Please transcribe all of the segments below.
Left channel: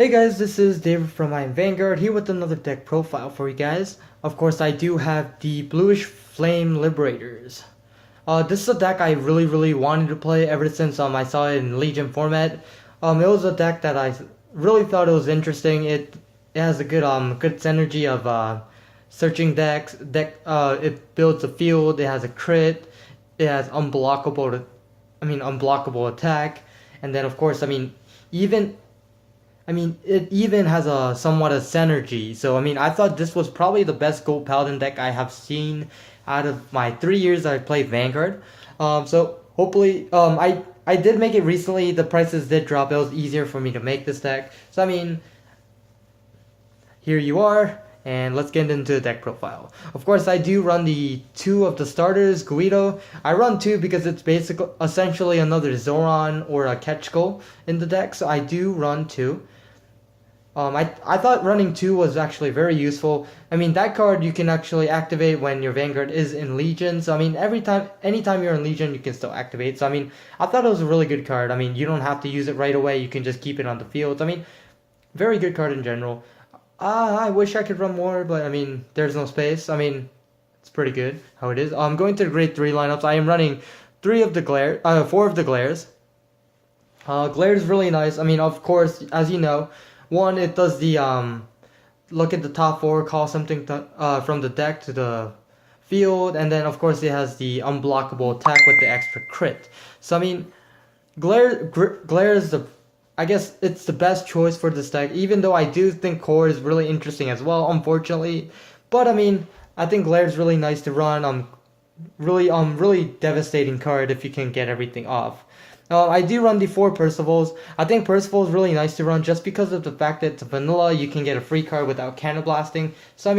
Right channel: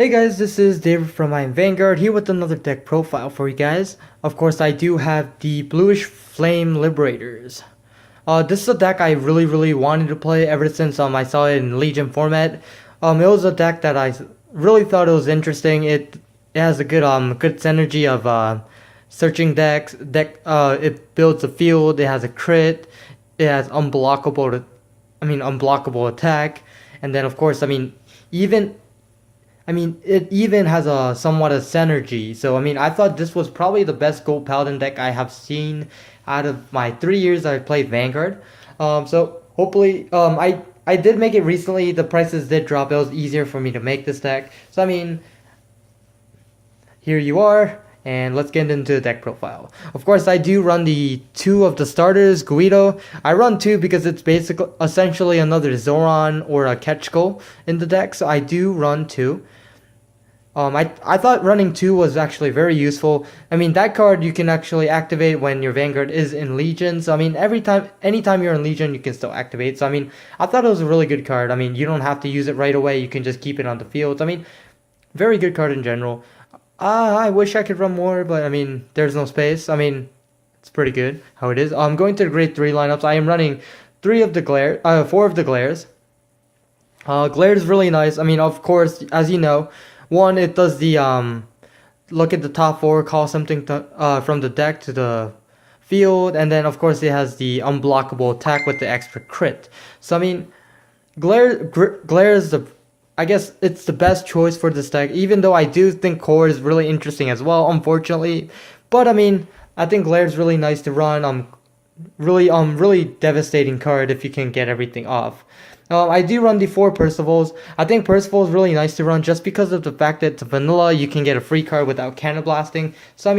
Hey guys, this is David from Vanguard here with another deck profile for you guys. Of course, I do have the Bluish Flame Liberators. This is a deck I really wanted to play ever since I saw it in Legion format. It was a deck that I really thought it was interesting. It has a good synergy of searching decks. It builds a field. It has a crit. It has unblockable attack, and then of course it even has a somewhat of synergy. So, I thought this was probably the best Gold Paladin deck I have seen out of my 3 years I played Vanguard. So, hopefully, I did make it recently. The prices did drop. It was easier for me to make this deck. So, here you are. And let's get into the deck profile. Of course, I do run the 2 of the starters, Guido. I run 2 because it's essentially another Zoran or a Ketchko in the deck. So, I do run 2. I thought running 2 was actually very useful. That card you can actually activate when your Vanguard is in Legion. So, anytime you're in Legion, you can still activate. So, I thought it was a really good card. You don't have to use it right away. You can just keep it on the field. Very good card in general. I wish I could run more, but, there's no space. It's pretty good how it is. Going to the grade 3 lineups, I am running 4 of the Glares. Glare is really nice. Of course, as you know, one, it does the look at the top 4, call something from the deck to the field, and then of course it has the unblockable attack with the extra crit. So Glare is I guess it's the best choice for this deck, even though I do think Core is really interesting as well, unfortunately. But I think Glare is really nice to run. Really devastating card if you can get everything off. I do run the 4 Percivals. I think Percival is really nice to run just because of the fact that it's vanilla, you can get a free card without cannon blasting. So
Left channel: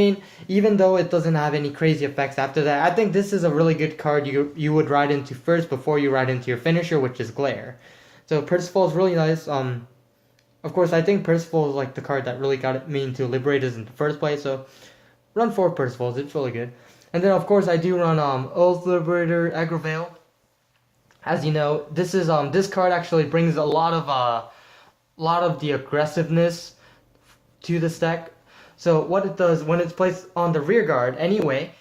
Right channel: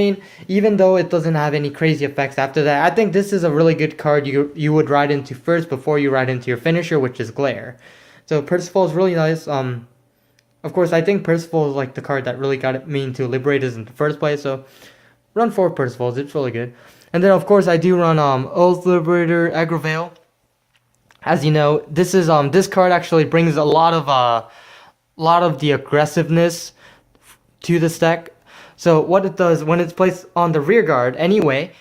even though it doesn't have any crazy effects after that, I think this is a really good card you would ride into first before you ride into your finisher, which is Glare. So Percival is really nice. Of course, I think Percival is like the card that really got me into Liberators in the first place. So run 4 Percivals, it's really good. And then of course I do run Oath Liberator, Aggro Veil. As you know, this card actually brings a lot of the aggressiveness to this deck. So what it does when it's placed on the rear guard, anyway,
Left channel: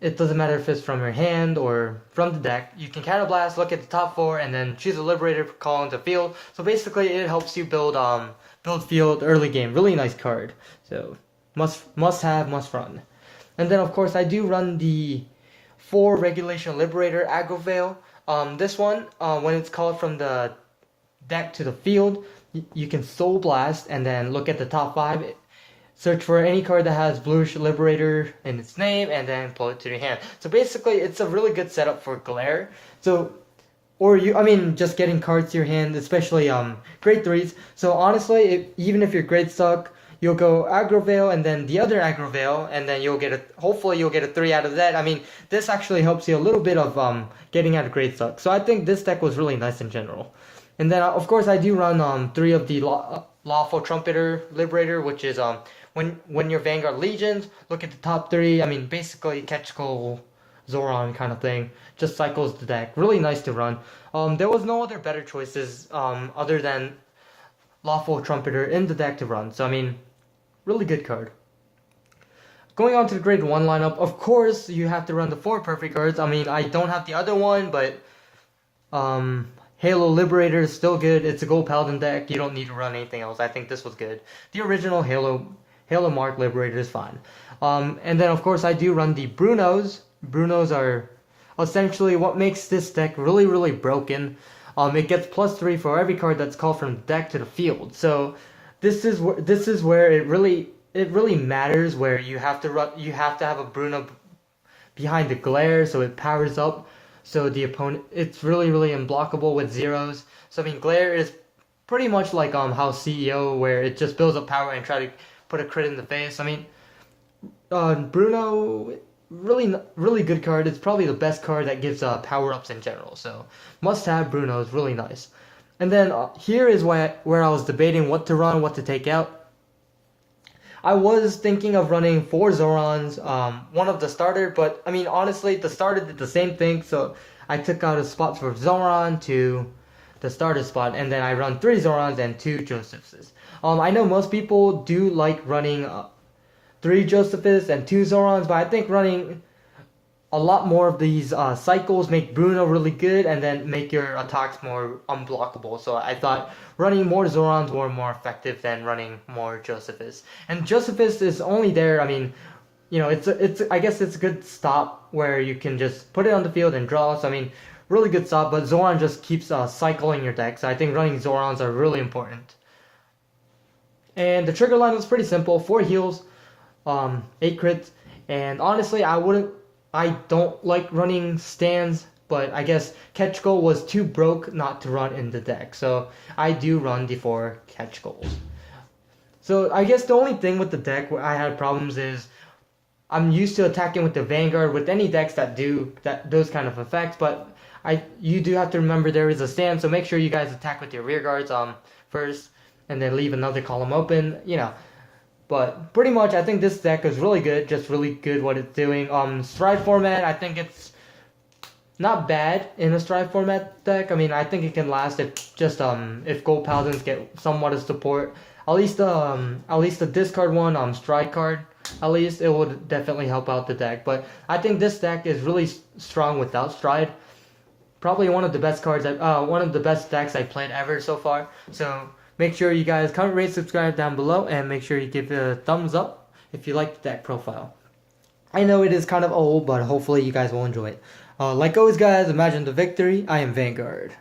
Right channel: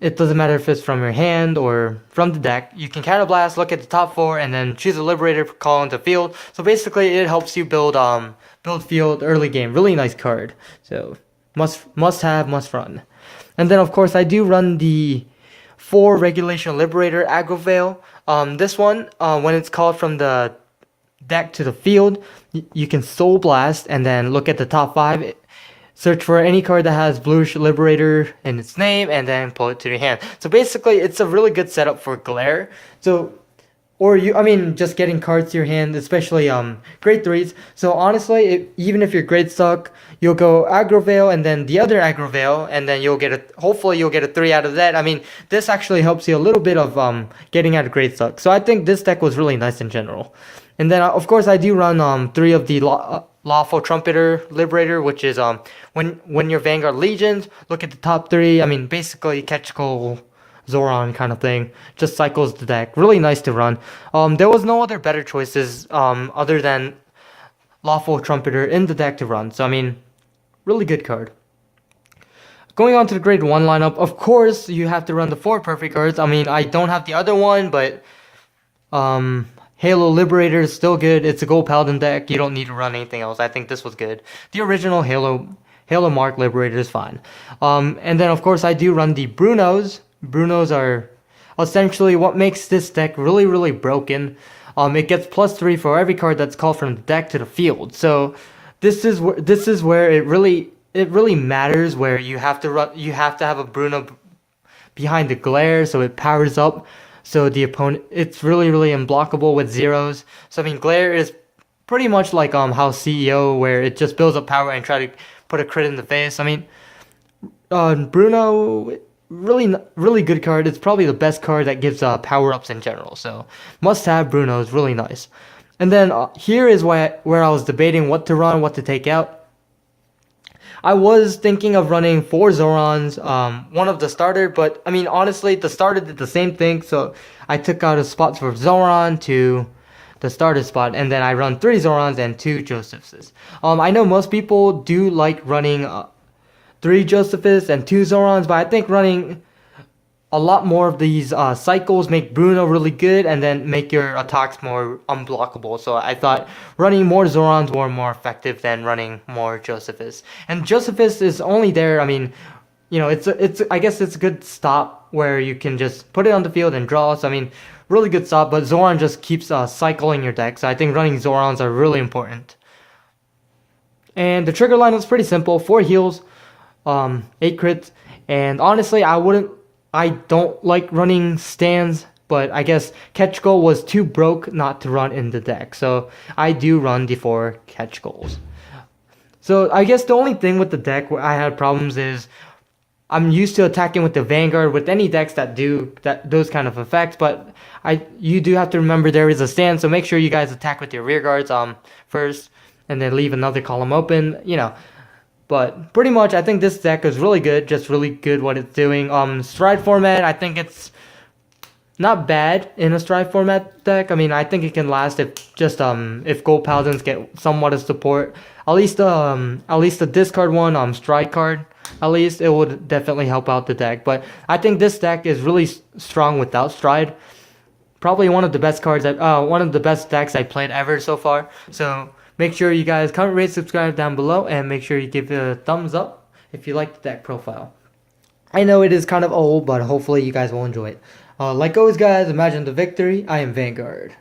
it doesn't matter if it's from your hand or from the deck. You can Counter Blast, look at the top 4, and then choose a Liberator for call into field. So basically, it helps you build field early game. Really nice card. So must have, must run. And then of course I do run the 4 Regulation Liberator Aggro Veil. This one, when it's called from the deck to the field, you can Soul Blast and then look at the top 5. Search for any card that has Bluish Liberator in its name and then pull it to your hand. So basically, it's a really good setup for Glare. So, just getting cards to your hand, especially grade 3s. So honestly, even if your grade suck, you'll go Aggro Veil and then the other Aggro Veil, and then hopefully you'll get a 3 out of that. This actually helps you a little bit of getting out of grade suck. So I think this deck was really nice in general. And then of course I do run 3 of the Lawful Trumpeter Liberator, which is when your Vanguard Legions, look at the top 3. Basically Ketchko, Zoran kind of thing. Just cycles the deck. Really nice to run. There was no other better choices other than Lawful Trumpeter in the deck to run. So really good card. Going on to the grade 1 lineup, of course you have to run the 4 perfect cards. I don't have the other one, but Halo Liberator is still good. It's a Gold Paladin deck. You don't need to run anything else. I think this was good. The original Halo Mark Liberator is fine. And then of course I do run the Brunos. Brunos are essentially what makes this deck really broken. It gets +3 for every card that's called from the deck to the field. So this is where it really matters, where you have to have a Bruno behind the Glare so it powers up. So the opponent, it's really unblockable with zeros. So Glare is pretty much like how CEO, where it just builds up power and try to put a crit in the face. Bruno, really good card. It's probably the best card that gives power ups in general. So must have. Bruno is really nice. And then here is where I was debating what to run, what to take out. I was thinking of running 4 Zorons, one of the starter, but honestly, the starter did the same thing, so I took out a spot for Zoran to the starter spot, and then I run 3 Zorons and 2 Josephs. I know most people do like running 3 Josephs and 2 Zorons, but I think running a lot more of these cycles make Bruno really good and then make your attacks more unblockable. So I thought running more Zorons were more effective than running more Josephus. And Josephus is only there, I mean, you know, I guess it's a good stop where you can just put it on the field and draw. So I mean, really good stop, but Zoran just keeps cycling your deck. So I think running Zorons are really important. And the trigger line is pretty simple: 4 heals, 8 crits, and honestly, I don't like running stands, but I guess catch goal was too broke not to run in the deck. So I do run the 4 catch goals. So I guess the only thing with the deck where I had problems is I'm used to attacking with the Vanguard with any decks that do those kind of effects, but you do have to remember there is a stand, so make sure you guys attack with your rear guards first, and then leave another column open, you know. But pretty much, I think this deck is really good, just really good what it's doing. Stride format, I think it's not bad in a stride format deck. I mean, I think it can last if Gold Paladins get somewhat of support. At least the discard one, stride card, at least it would definitely help out the deck. But I think this deck is really strong without stride. Probably one of the best one of the best decks I played ever so far. So make sure you guys comment, rate, subscribe down below, and make sure you give it a thumbs up if you like the deck profile. I know it is kind of old, but hopefully you guys will enjoy it. Like always, guys, imagine the victory. I am Vanguard.